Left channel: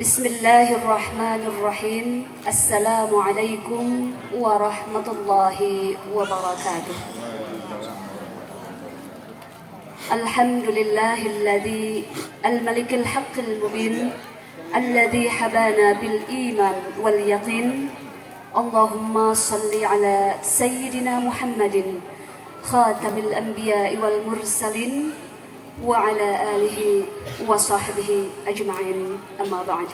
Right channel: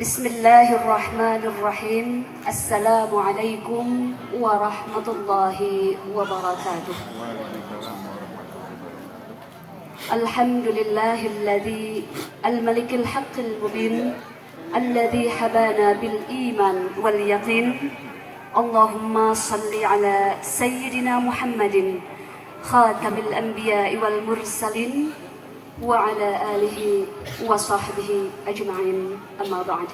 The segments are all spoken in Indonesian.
Bismillahirrahmanirrahim. Assalamualaikum warahmatullahi wabarakatuh. Alhamdulillahilladzi al-malikil haqqil mubin alladzi habana bil iman wal yaqin. Allahumma salli ala sayyidina Muhammadin khatamil anbiya'i wal mursalin wa ala alihi wa sahbihi ajma'in, amma ba'd.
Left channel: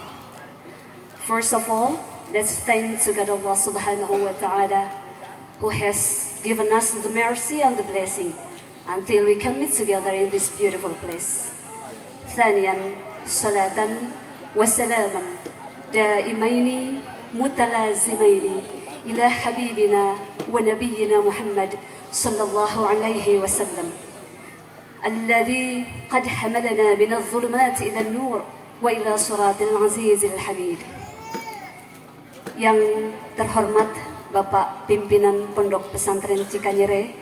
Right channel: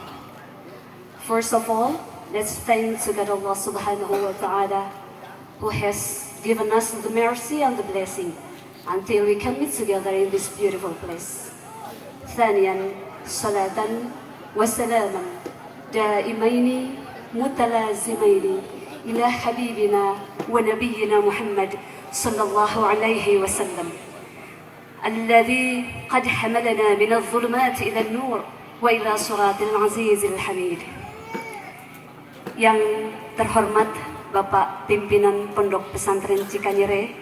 First of all, let's thank to God Allah subhanahu wa ta'ala who has given us the mercy and the blessing until we can meet together in this beautiful place. ثانيا صلاة وسلاما دائمين متلازمين إلى حبيبنا ونبينا محمد صلى الله عليه وسلم الذي قد حملنا من الظلمات إلى النور وإلى صراط العزيز الحميد. Yang terhormat Bapak Pimpinan Pondok Pesantren Cikanyere,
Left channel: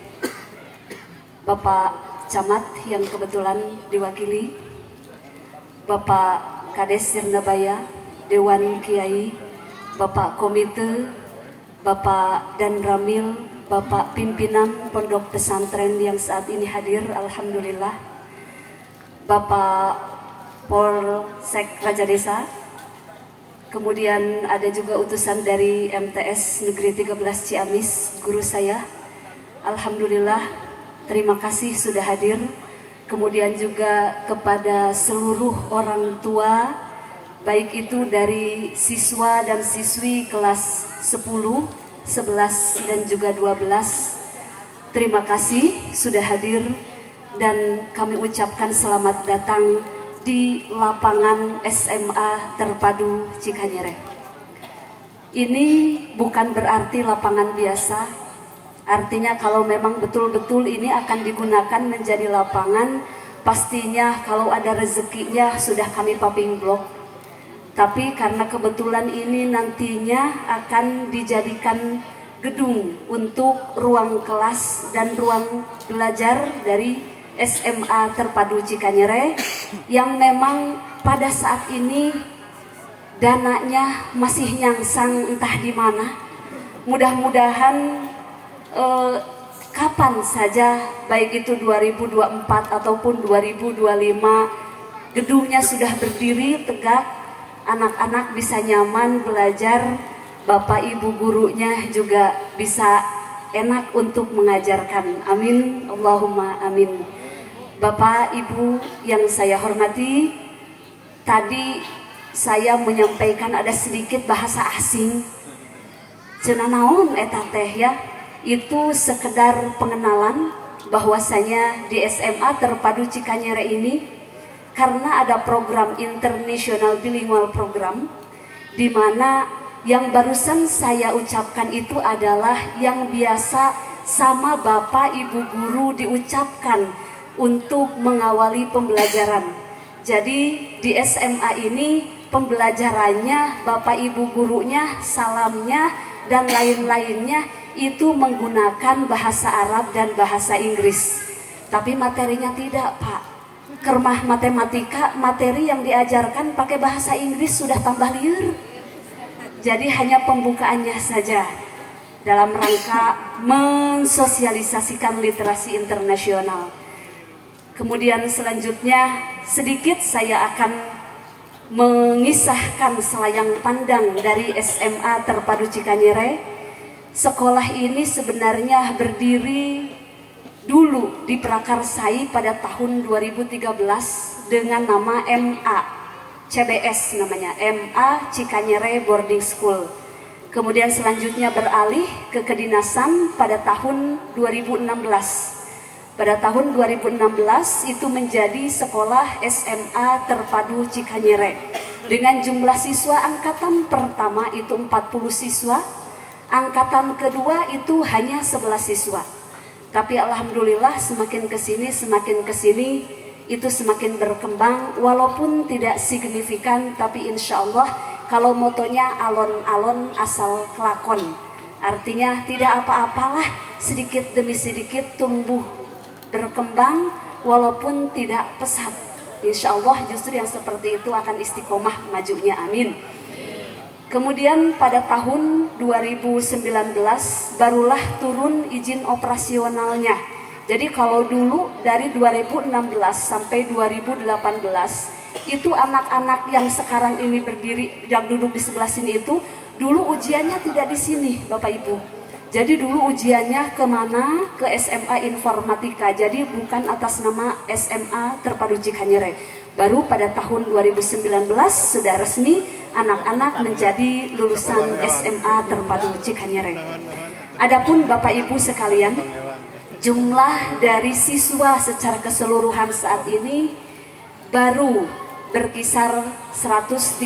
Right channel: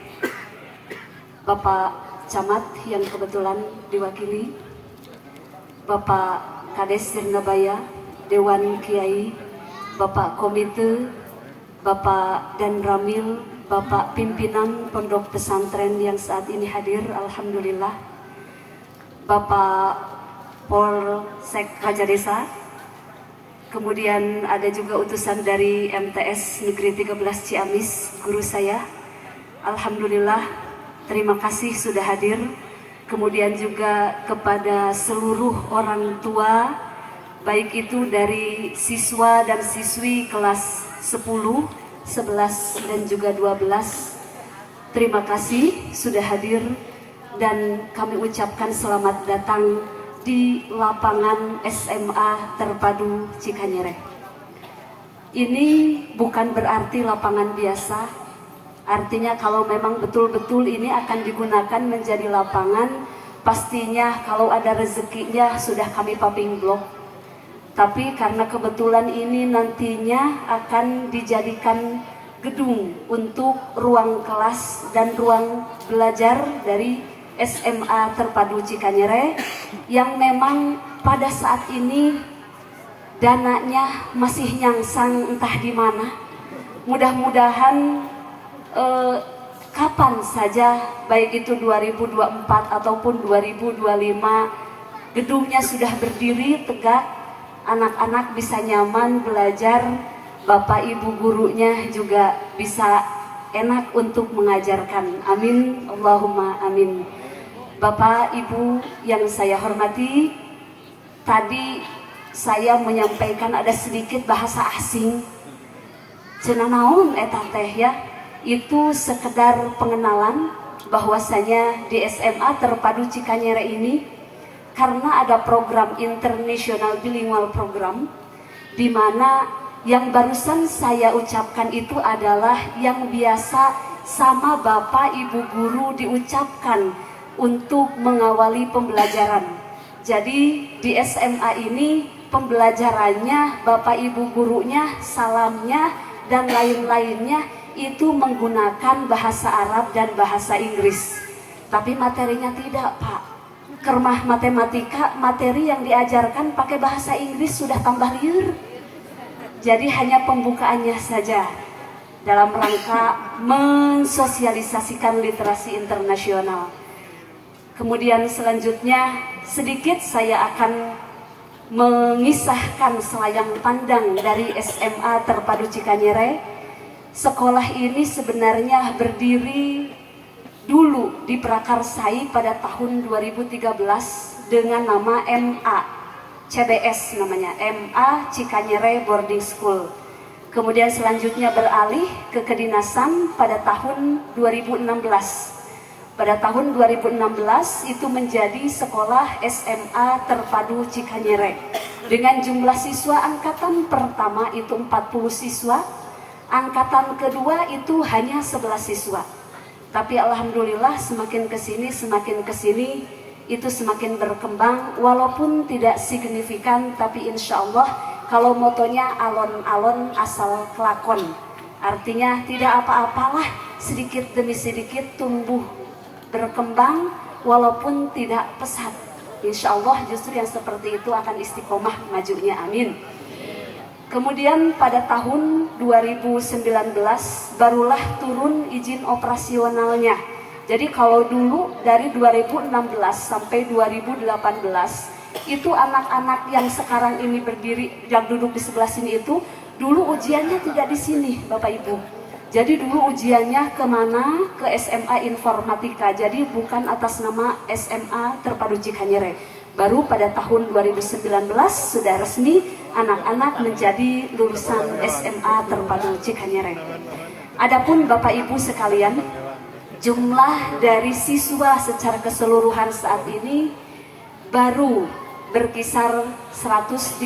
Bapak Camat yang kebetulan diwakili, Bapak Kades Sirnabaya, Dewan Kiai, Bapak Komite, Bapak Dan Ramil, Bapak Pimpinan Pondok Pesantren yang saat ini hadir, alhamdulillah, Bapak Polsek Raja Desa, kemudian ada juga utusan dari MTS Negeri 13 Ciamis, guru saya, alhamdulillah, terima kasih sudah hadir. Kemudian juga kepada seluruh orang tua, baik itu dari siswa dan siswi kelas 10, 11 dan juga 12. Terima kasih sudah hadir dan kami ucapkan selamat datang di lapangan SMA Terpadu Cikanyere. Ini bukan berarti lapangan biasa. Artinya kalau memang betul-betul ini akan digunakan menjadi lapangan, pastinya kalau ada rezekinya sudah kami paping blok. Tapi karena kebetulan ini nantinya akan dijadikan gedung untuk ruang kelas dan ruang belajar dari SMA Terpadu Cikanyere yang memang pada saat ini dananya masih nyangsang entah di mana. Mudah-mudahan kapan saja, baik itu 2024 ataupun 2025, gedungnya sudah berdiri tegak, anak-anak bisa nyaman belajar, bapak ibu gurunya juga bisa enak untuk mengajarkan. Amin, Allahumma amin. Bapak ibu yang saya hormati, tadi saya menyampaikan ada sedikit bahasa asing. Cenah naon eta teh ya? Itu sekedar pengenalan bahwasanya di SMA Terpadu Cikanyere ini karena ada program International Bilingual Program, di mana yang barusan saya ucapkan itu adalah yang biasa sama bapak ibu guru diucapkan untuk mengawali pembelajaran. Jadi di SMA ini pembelajarannya, bapak ibu gurunya, salamnya dan lain-lainnya itu menggunakan bahasa Arab dan bahasa Inggris. Tapi materinya tidak, Pak. Kermah matematika, materi yang diajarkan pakai bahasa Inggris sudah tambah liur. Jadi hanya pembukaannya saja dalam rangka mensosialisasikan literasi internasional. Kemudian selanjutnya sedikit saya akan mengisahkan selayang pandang dari SMA Terpadu Cikanyere. Sekolah ini sebenarnya berdiri dulu diprakarsai pada tahun 2013 dengan nama MA CBS, namanya MA Cikanyere Boarding School. Kemudian selanjutnya beralih ke kedinasan pada tahun 2016. Pada tahun 2016 itu menjadi sekolah SMA Terpadu Cikanyere dengan jumlah siswa angkatan pertama itu 40 siswa, angkatan kedua itu hanya 11 siswa. Tapi alhamdulillah semakin kesini itu semakin berkembang, walaupun tidak signifikan, tapi insya Allah kalau motonya alon-alon asal kelakon, artinya tidak apa-apalah, sedikit demi sedikit tumbuh berkembang walaupun tidak pesat. Insya Allah justru yang seperti itu akan istiqomah majunya, amin. Kemudian pada tahun 2019 barulah turun izin operasionalnya. Jadi kalau dulu dari 2016 sampai 2018 itu anak-anak yang sekarang ini berdiri yang duduk di sebelah sini itu dulu ujiannya tidak di sini Bapak Ibu. Jadi dulu ujiannya kemana? Ke SMA Informatika. Jadi bukan atas nama SMA Terpadu Cikanyere. Baru pada tahun 2019 sudah resmi anak-anak menjadi lulusan SMA Terpadu Cikanyere. Adapun Bapak Ibu sekalian, jumlah dari siswa secara keseluruhan saat ini baru berkisar 132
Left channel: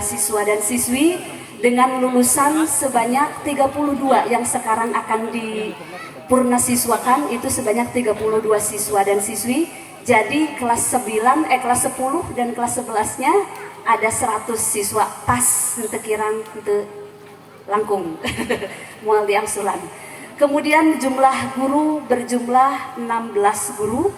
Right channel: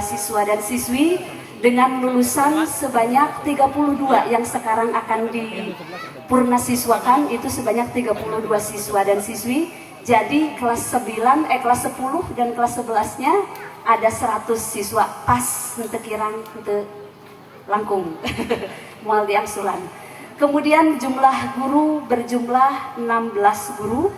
siswa dan siswi dengan lulusan sebanyak 32 yang sekarang akan dipurnasiswakan itu sebanyak 32 siswa dan siswi. Jadi kelas 9, kelas 10 dan kelas 11-nya ada 100 siswa pas untuk kirang untuk langkung mual diangsulan. Kemudian jumlah guru berjumlah 16 guru.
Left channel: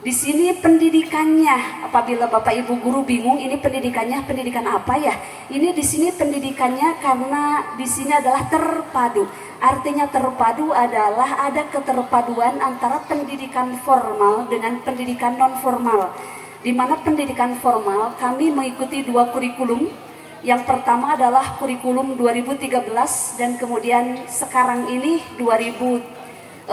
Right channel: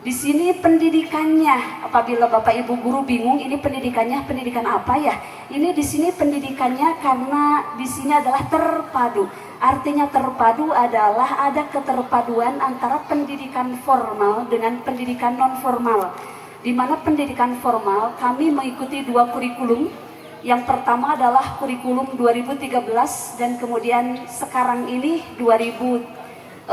Di sini pendidikannya, apabila Bapak Ibu guru bingung ini pendidikannya pendidikan apa ya? Ini di sini pendidikannya karena di sini adalah terpadu. Artinya terpadu adalah ada keterpaduan antara pendidikan formal dengan pendidikan non formal. Di mana pendidikan formal kami mengikuti 2 kurikulum. Yang pertama adalah kurikulum 2013 dan kemudian sekarang ini 2004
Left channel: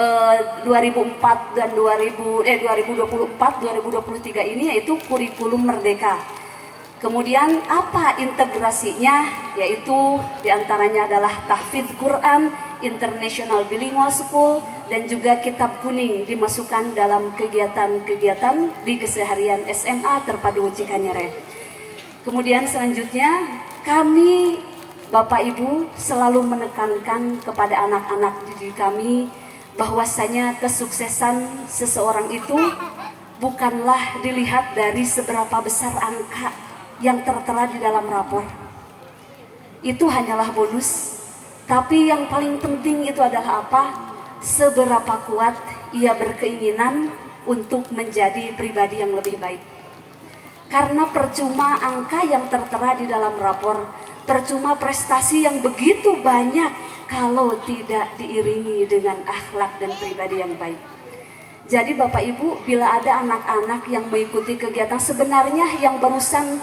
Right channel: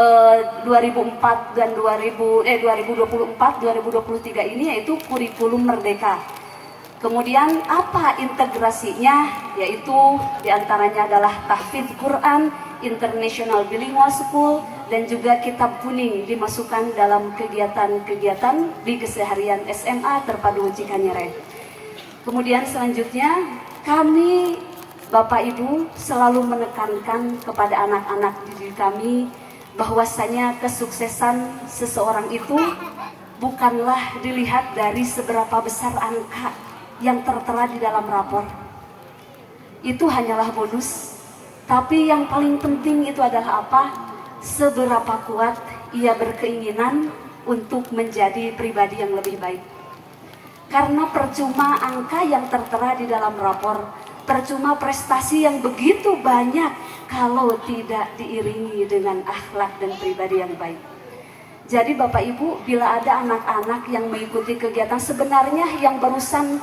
dan 2024 2023 ini yaitu kurikulum Merdeka. Kemudian apa integrasinya? Yaitu diantaranya adalah tahfidz Quran, International Bilingual School, dan juga kitab kuning dimasukkan dalam kegiatan-kegiatan di keseharian SMA Terpadu Cikanyere. Kemudian selanjutnya kami Bapak Ibu selalu menekankan kepada anak-anak didik kami bahwasanya kesuksesan seseorang itu bukanlah dilihat dari seberapa besar angka yang tertera di dalam rapor. Itu hanyalah bonus. Tapi yang paling penting itu adalah apa? Seberapa kuat ia berkeinginan untuk menjadi pribadi yang lebih baik. Karena percuma angka yang tertera di dalam rapor, percuma prestasi yang begitu banyak kalau tidak diiringi dengan akhlak dan pribadi yang baik. Jadi Bapak Ibu, bila ada anak-anak yang mengikuti kegiatan, sebenarnya yang barusan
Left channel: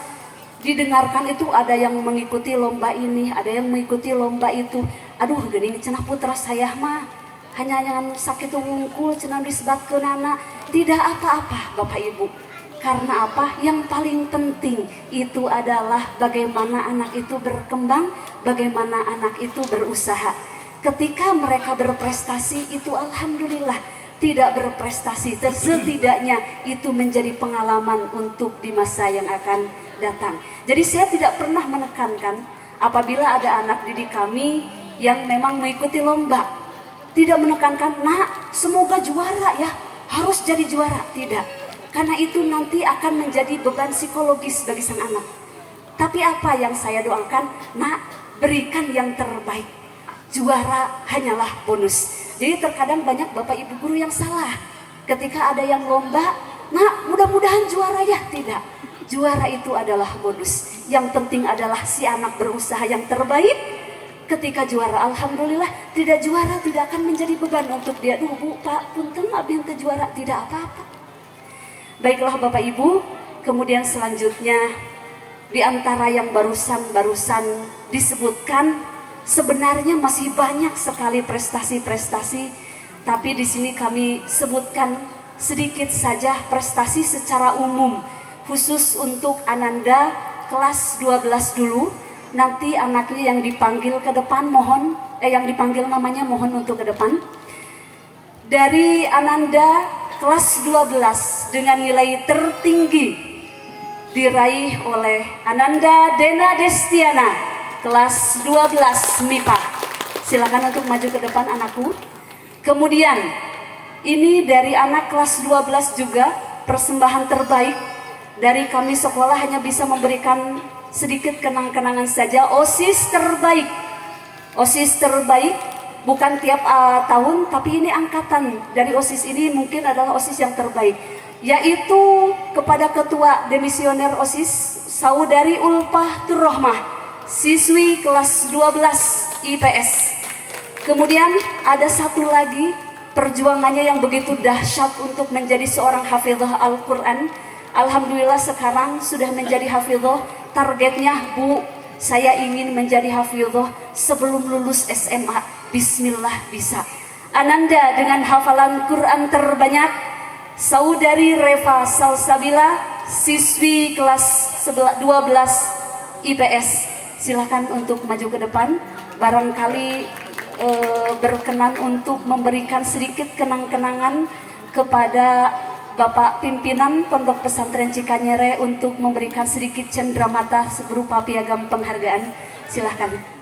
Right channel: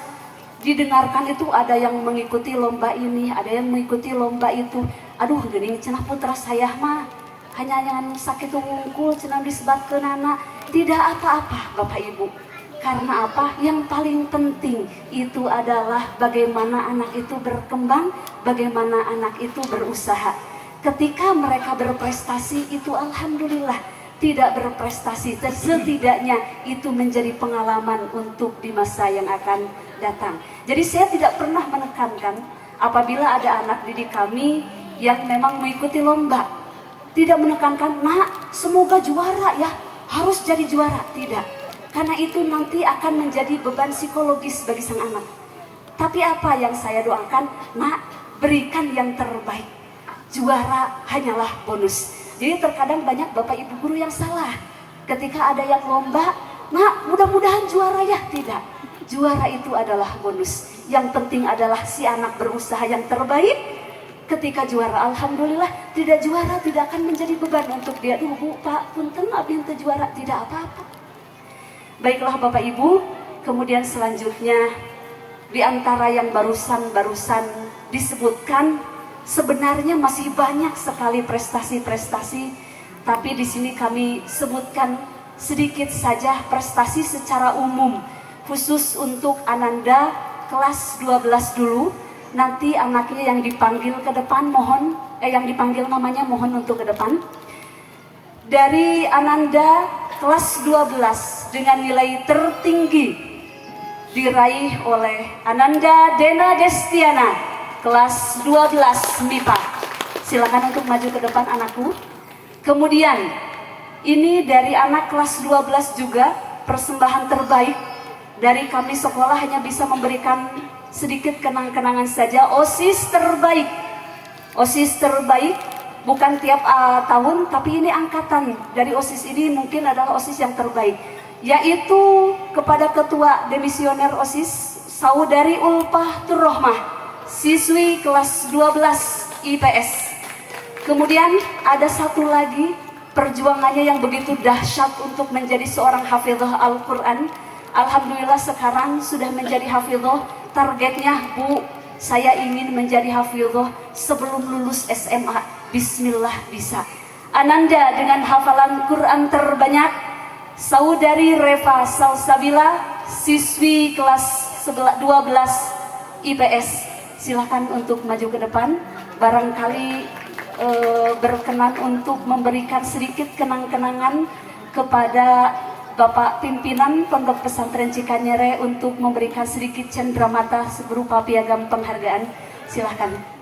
didengarkan itu ada yang mengikuti lomba ini, ada yang mengikuti lomba itu. Aduh, gini cenah putra saya mah hanya yang sakit wungkul, cenah disebat ke nana. Tidak apa-apa Bapak Ibu. Karena apa? Yang paling penting itu adalah bagaimana anak itu berkembang, bagaimana anak itu berusaha. Ketika mereka berprestasi itu alhamdulillah, tidak berprestasi setidaknya itu menjadi pengalaman untuk di masa yang akan datang. Jadi saya tidak pernah menekankan apabila ada anak didik kami yang memang mengikuti lomba, tidak menekankan, nak semoga juara ya, harus jadi juara, tidak. Karena itu nanti akan menjadi beban psikologis bagi sang anak. Tapi apa yang saya doakan? Nak, berikan yang terbaik. Juara hanyalah bonus. Jadi terkadang banyak Bapak Ibu guru yang salah. Ketika ada yang lomba, nak mudah-mudahan juara ya. Tidak. Juara itu adalah bonus. Yang penting adalah si anak berusaha yang terbaik. Ketika juara, alhamdulillah. Tidak juara tidak akan menjadi beban untuk dia. Bu, Pak, punten abdi teu juara. Tidak apa-apa. Baiklah Bapak Ibu, kemudian selanjutnya di antara yang barusan disebutkan sebenarnya masih banyak sekali prestasi-prestasi, tapi di sini kami sebutkan sedikit saja prestasi secara umum khusus untuk Ananda kelas 12 dulu. Nanti anaknya yang dipanggil ke depan mohon yang dipanggil namanya mohon untuk ke depan. Dari Ananda kelas 12 dengan nilai tertinggi diraih oleh Ananda Dena Destiana kelas 12 MIPA. Silakan untuk maju ke depan anakku. Kemudian ini dari anak kelas 12 juga persembahan terbaik dari kami sekolah hanya bisa memberikan sedikit kenang-kenangan saja. OSIS terbaik. OSIS terbaik bukan tiap tahun, tapi ini angkatan dari OSIS ini mungkin adalah OSIS yang terbaik, yaitu kepada Ketua Demisioner OSIS Saudari Ulfah Turrohmah, siswi kelas 12 IPS. Kemudian ada satu lagi perjuangannya yang begitu dahsyat untuk menjadi seorang hafizah Al-Quran. Alhamdulillah sekarang sudah menjadi hafizah. Targetnya, Bu, saya ingin menjadi hafizah sebelum lulus SMA. Bismillah bisa. Ananda dengan hafalan Quran terbanyak, Saudari Reva Salsabila, siswi kelas 12 IPS. Silakan untuk maju ke depan. Barangkali berkenan untuk memberikan sedikit kenang-kenangan kepada Bapak Pimpinan Pondok Pesantren Cikanyere untuk memberikan sedikit cenderamata berupa piagam penghargaan. Silakan.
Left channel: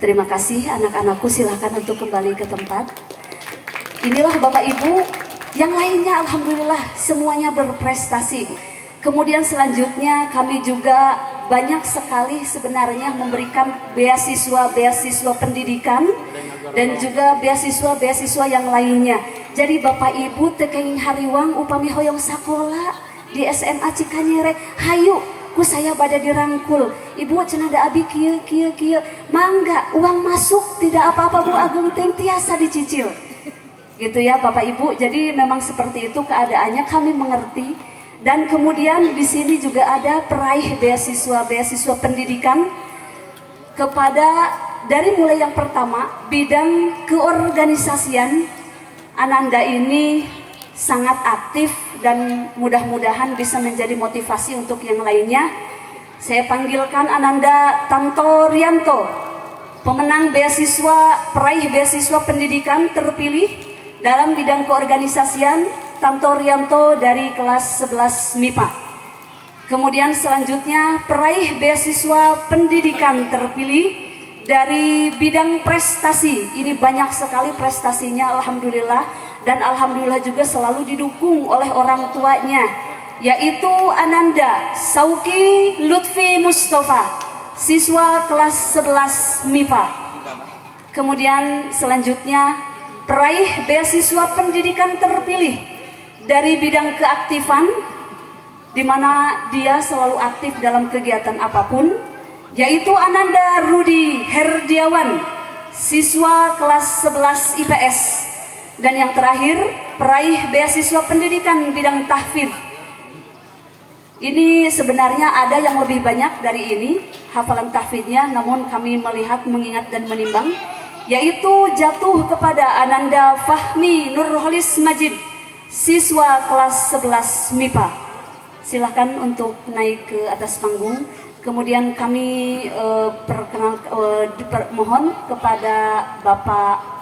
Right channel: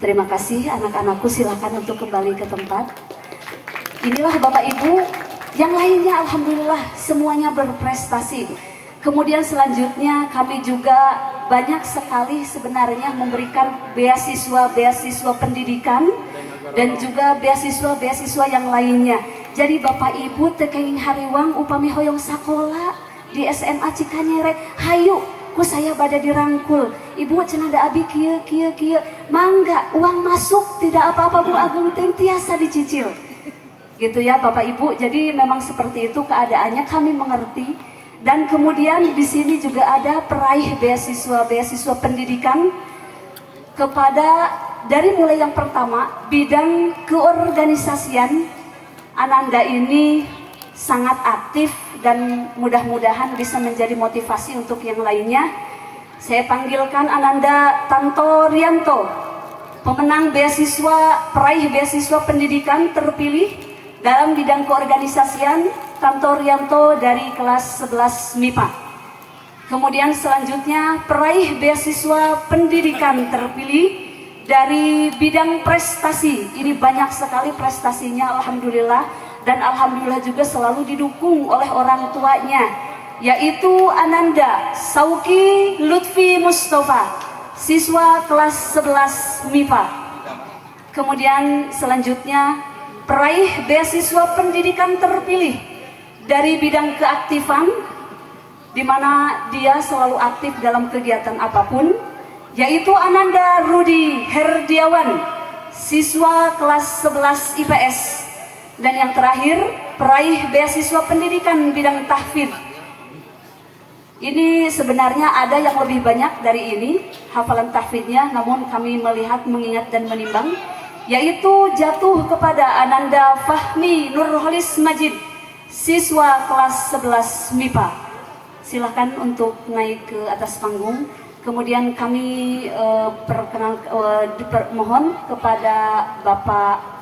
Terima kasih anak-anakku, silakan untuk kembali ke tempat. Inilah Bapak Ibu, yang lainnya alhamdulillah semuanya berprestasi. Kemudian selanjutnya kami juga banyak sekali sebenarnya memberikan beasiswa pendidikan dan juga beasiswa yang lainnya. Jadi Bapak Ibu tekeng hariwang upami hoyong sakola di SMA Cikanyere, hayu ku saya bada dirangkul. Ibu cenada abi kieu mangga uang masuk tidak apa-apa Bu Agung teng tiasa dicicil. Gitu ya Bapak Ibu. Jadi memang seperti itu keadaannya, kami mengerti. Dan kemudian di sini juga ada peraih beasiswa pendidikan kepada dari mulai yang pertama bidang keorganisasian. Ananda ini sangat aktif dan mudah-mudahan bisa menjadi motivasi untuk yang lainnya. Saya panggilkan Ananda Tanto Rianto, pemenang peraih beasiswa pendidikan terpilih dalam bidang keorganisasian. Tanto Rianto dari kelas 11 MIPA. Kemudian selanjutnya peraih beasiswa pendidikan terpilih dari bidang prestasi. Ini banyak sekali prestasinya alhamdulillah, dan alhamdulillah juga selalu didukung oleh orang tuanya, yaitu Ananda Sauki Lutfi Mustafa, siswa kelas 11 MIPA. Kemudian selanjutnya peraih beasiswa pendidikan terpilih dari bidang keaktifan, di mana dia selalu aktif dalam kegiatan apapun, yaitu Ananda Rudi Herdiawan, siswa kelas 11 IPS. Dan yang terakhir, peraih beasiswa pendidikan bidang tahfidz. Ini sebenarnya ada yang lebih banyak dari ini hafalan tahfidznya, namun kami melihat, mengingat dan menimbang, yaitu jatuh kepada Ananda Fahmi Nurholis Majid, siswa kelas 11 MIPA. Silahkan untuk naik ke atas panggung. Kemudian kami mohon kepada Bapak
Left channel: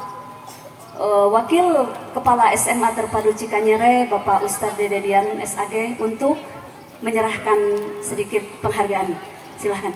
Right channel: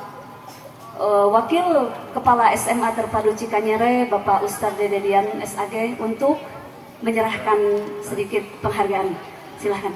Wakil Kepala SMA Terpadu Cikanyere, Bapak Ustadz Dededian SAG, untuk menyerahkan sedikit penghargaan. Silahkan.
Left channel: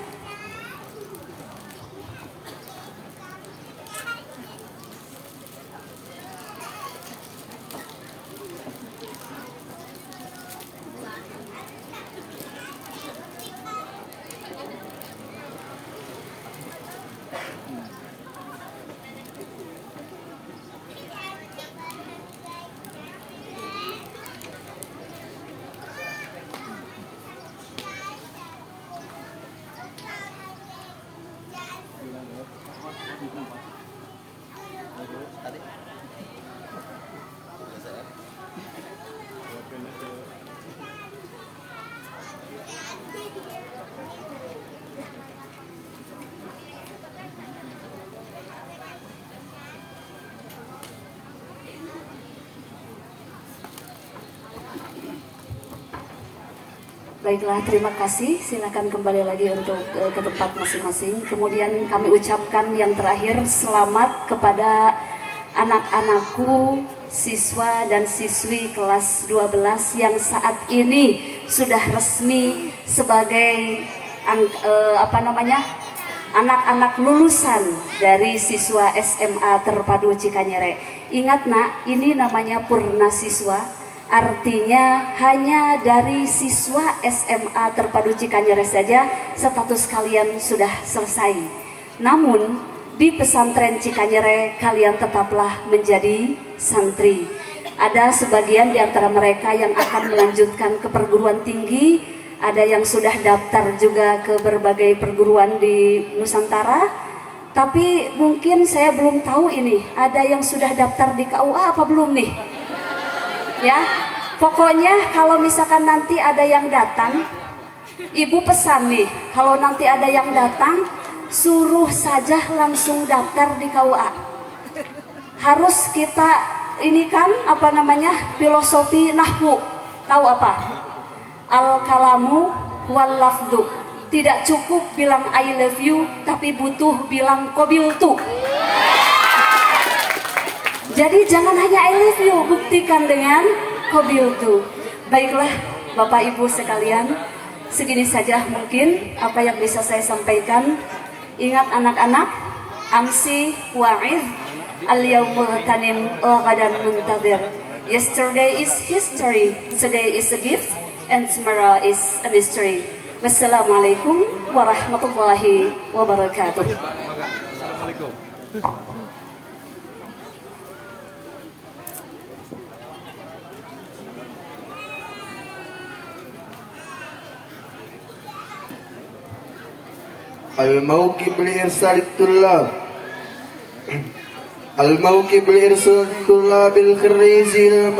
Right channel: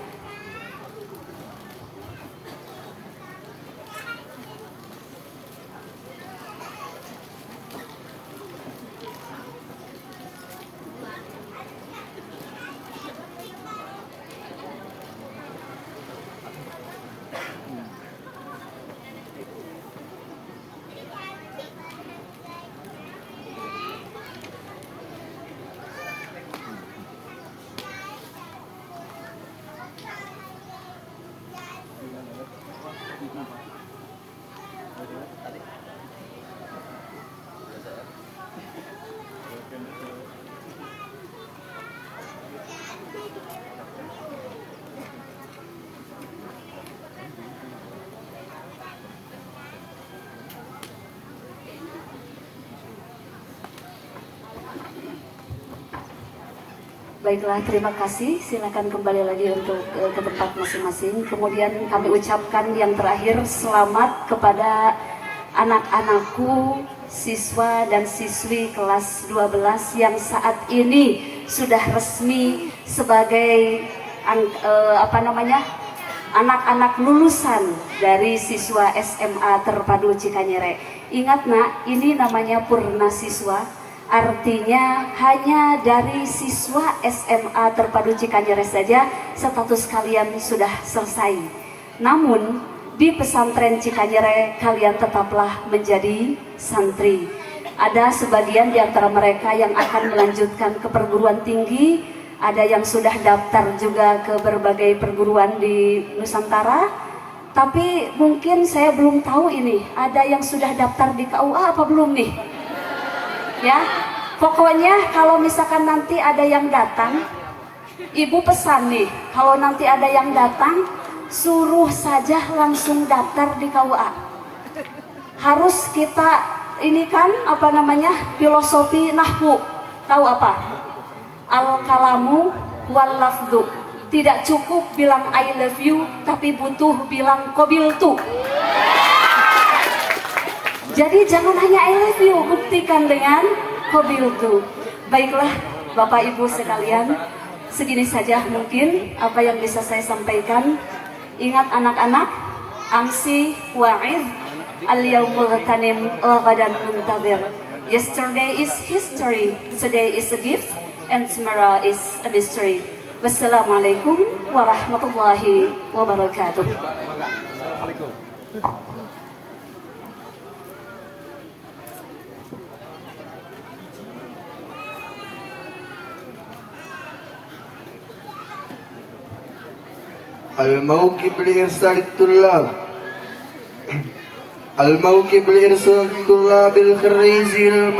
Baiklah, terima kasih. Silakan kembali lagi untuk ke tempat masing-masing. Kemudian kami ucapkan yang terakhir selamat kepada anak-anakku, siswa dan siswi kelas 12 yang saat ini sudah resmi sebagai anak-anak lulusan dari siswa SMA Terpadu Cikanyere. Ingat nak, ini namanya purna siswa. Artinya hanya dari siswa SMA Terpadu Cikanyere saja status kalian sudah selesai. Namun di pesantren Cikanyere kalian tetaplah menjadi santri. Ada sebagian di antara mereka yang akan melanjutkan ke perguruan tinggi, ada yang sudah daftar juga ke berbagai perguruan di Nusantara. Tapi mungkin saya belum tahu ini, ada yang sudah daftar di KUA apa belum nih? Ya, pokoknya kalau misalkan nanti ada yang datang, ibu pesan nih, kalau nanti ada yang datang, suruh saja langsung daftar di KUA. Harus kita ini kan filosofi nahwu. Tahu apa? Al-kalamu wal lafdu. Tidak cukup bilang I love you, tapi butuh bilang qabiltu. Jadi jangan hanya I love you, buktikan dengan qabiltu. Baiklah Bapak Ibu sekalian, segini saja mungkin apa yang bisa saya sampaikan. Ingat anak-anak, amsi wa'id, al-yawmul ghanim ghadan muntadir. Yesterday is history, today is a gift, and tomorrow is a mystery. Wassalamualaikum warahmatullahi wabarakatuh. الموكب لإرسال الطلاب الموكب لإرسال الطلاب الخريجين